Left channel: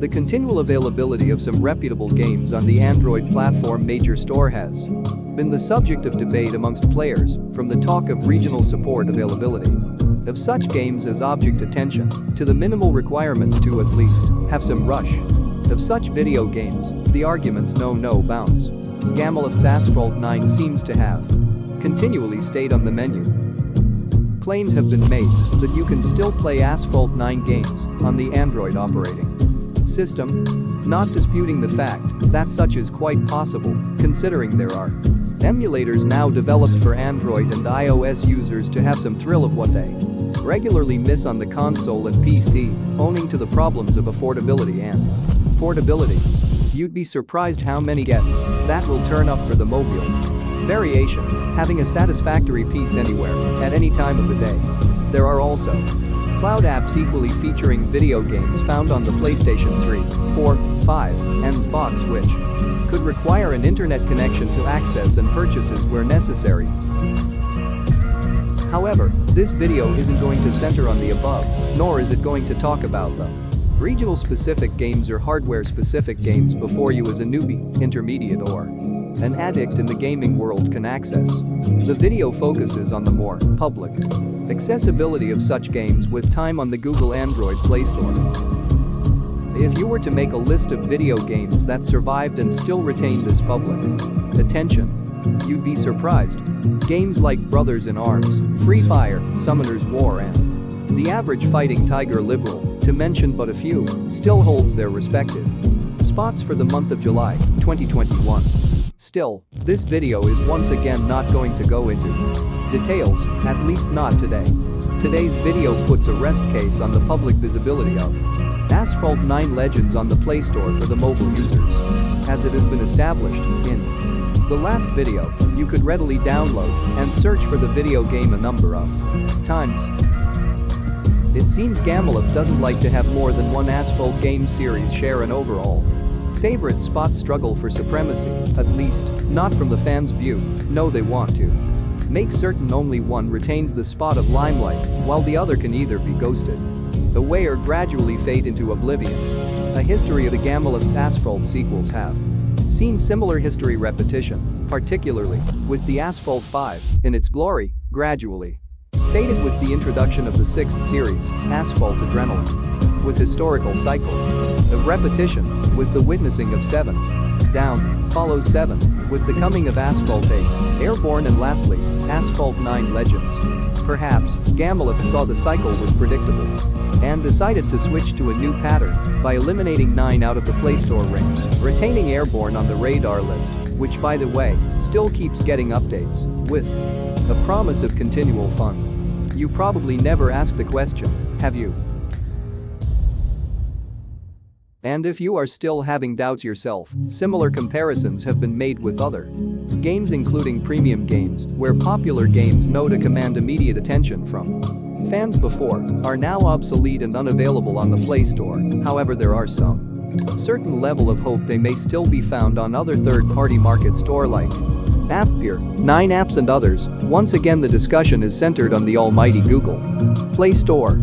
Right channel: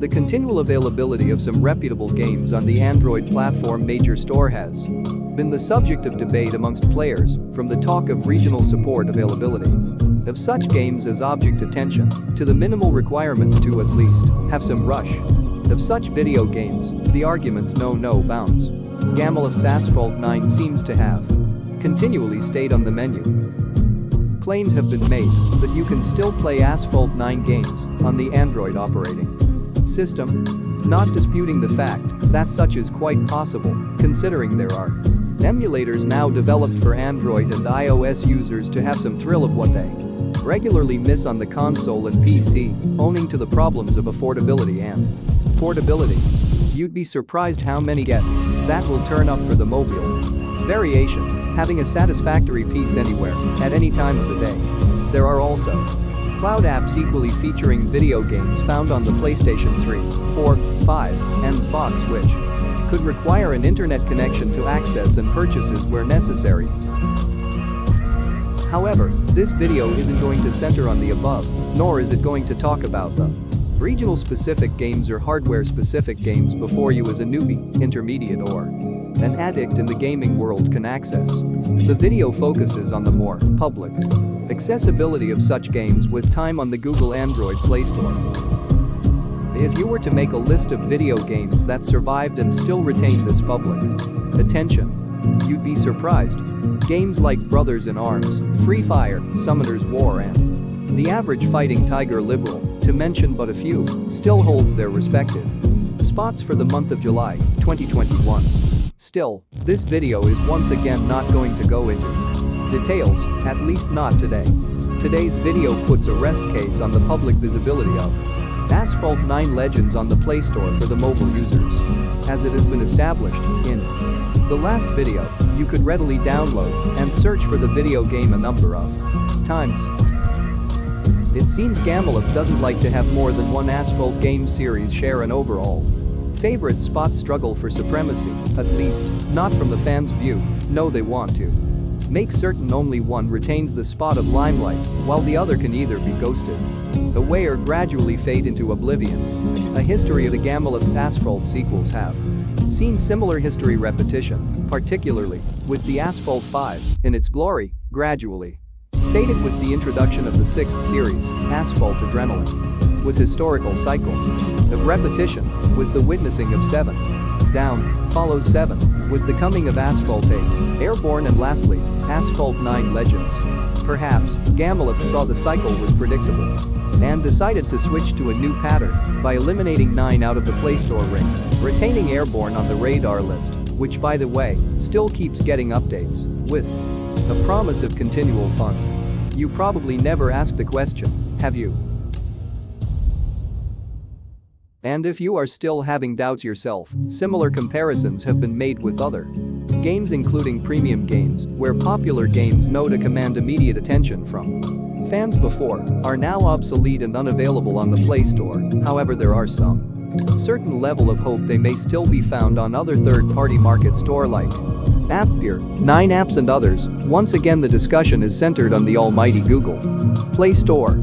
The continual availability of some reputable games on the Android platform major store has been the subject of debate amongst players, from the talk of regional support availability of such games as object attention to the minimal requirements to at least have some rush of such video games. The arguments know no bounds. Gamiverse's Asphalt 9 seems to have continually stayed on the menu. Claims have been made that you can still play Asphalt 9 games on the Android operating system, not disputing the fact that such is quite possible, considering there are emulators now developed for Android and iOS users to have some thrill of what they regularly miss on the console and PC, owing to the problems of affordability and portability. You'd be surprised how many guests that will turn up for the mobile variation, having a satisfactory piece anywhere, at any time of the day. There are also cloud apps equally featuring video games found on the PlayStation 3, 4, 5, and Xbox, which could require an internet connection to access and purchases where necessary. However, this video isn't going to center on the above, nor is it going to talk about the regional specific games or hardware specific games before you as a newbie, intermediate, or an addict in the gaming world can access. The video focuses on the more public accessibility of such games with time on the Google Android Play Store. If you were to make a list of video games that survived and still retain this public attention, you'd be surprised. Games like Brothers in Arms, Free Fire, Summoner's War, and the average fighting Tiger Liberal, to mention but a few, still holds their respective spots for the month of July 2021. Still, this video is once again not going to go into details, at least not today. Today's video puts a rest case on the public visibility of Asphalt 9 Legends on the Play Store for the mobile users. As it has been established in the last video, you could readily download and search for the video game a number of times. It seems Gamiverse doesn't like to have more than one Asphalt game series share an overall favorite spot. Struggle for supremacy, at least not from the fans' view. No, they want to make certain only one retains the spot of limelight, while the other can either be ghosted away or gradually fade into oblivion. A history of the Gamiverse Asphalt sequels have seen similar history repetition, particularly with the Asphalt 5, in its glory, gradually faded with the introduction of the 6th series, Asphalt Adrenaline, with historical cycle of repetition, with the witnessing of 7 Down follows 7, with the coming of Asphalt 8, Airborne, and lastly, Asphalt 9 Legends. Perhaps, Gamiverse saw the cycle was predictable and decided to switch to a new pattern by eliminating 9 out of the Play Store ring, retaining Airborne on the radar list, which, by the way, still keeps getting updates, with a promise of continual fun. You probably never asked the question, have you? And if you are still having doubts yourself, similar comparisons have been made with other games, including premium games, where popular games know to command immediate attention from fans before are now obsolete and unavailable on the Play Store. However, there are some certain level of hope they may still be found on other third-party market store like AppGear, 9apps, and others. Once again, the discussion is centered on the almighty Google Play Store.